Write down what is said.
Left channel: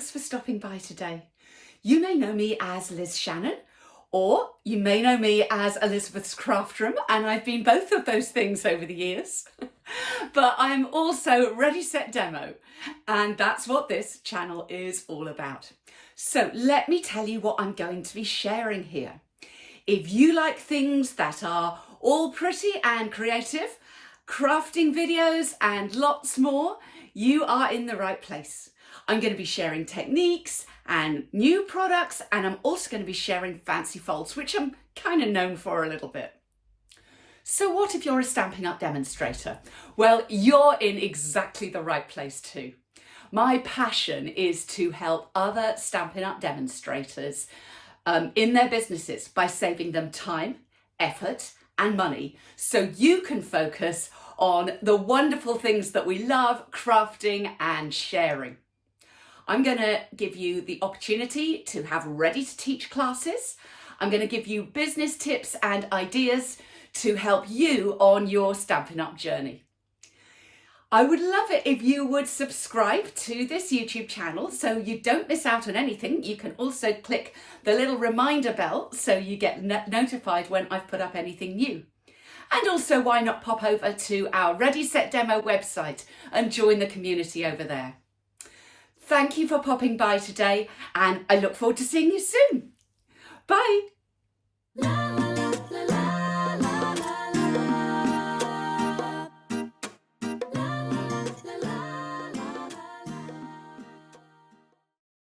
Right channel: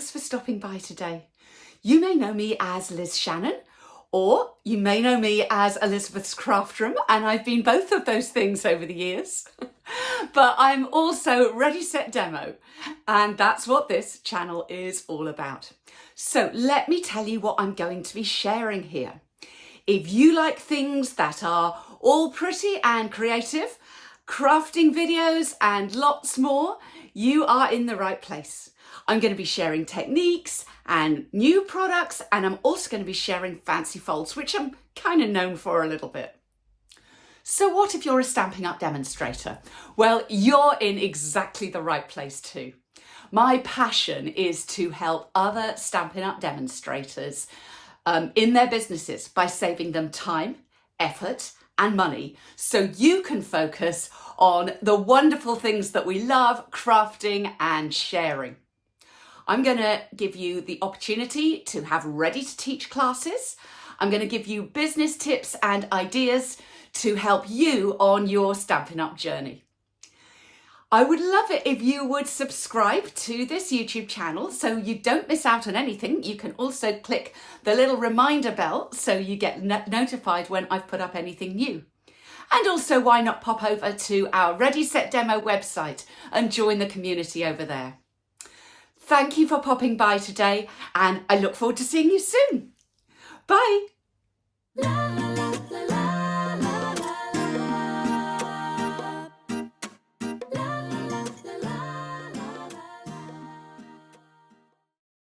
thanks for stopping by today. You may know me as Liz Shannon, or you may know me as Elizabeth's Craft Room, and I've been both of those things over the years. But I'm also Ready, Set, Demo, and that's what this channel is all about. So let me tell you what I'm going to be sharing here. If you like things that are all pretty and creative, crafting videos and lots more, you are in the right place. I'm going to be sharing techniques and new products, and I'm also going to be sharing fancy folds, which I'm kind of known for a little bit. So what if you're a Stampin' Up demonstrator? Well, you're in exactly the right place too. My passion is to help other Stampin' Up demonstrators in their businesses by saving them time, effort, and money, so you can focus on the wonderful things that we love, crafting and sharing. I'm going to give you the opportunity to have ready to teach classes. I'm going to give you business tips and ideas to help you on your Stampin' Up journey. I would love it if you would subscribe to this YouTube channel so you don't miss out on anything. You can also click the little reminder bell so you get notified when I've put up anything new. And also, why not pop over to our Ready, Set, Demo website and join the community over there. Thank you for popping by today, and I look forward to seeing you soon. Bye.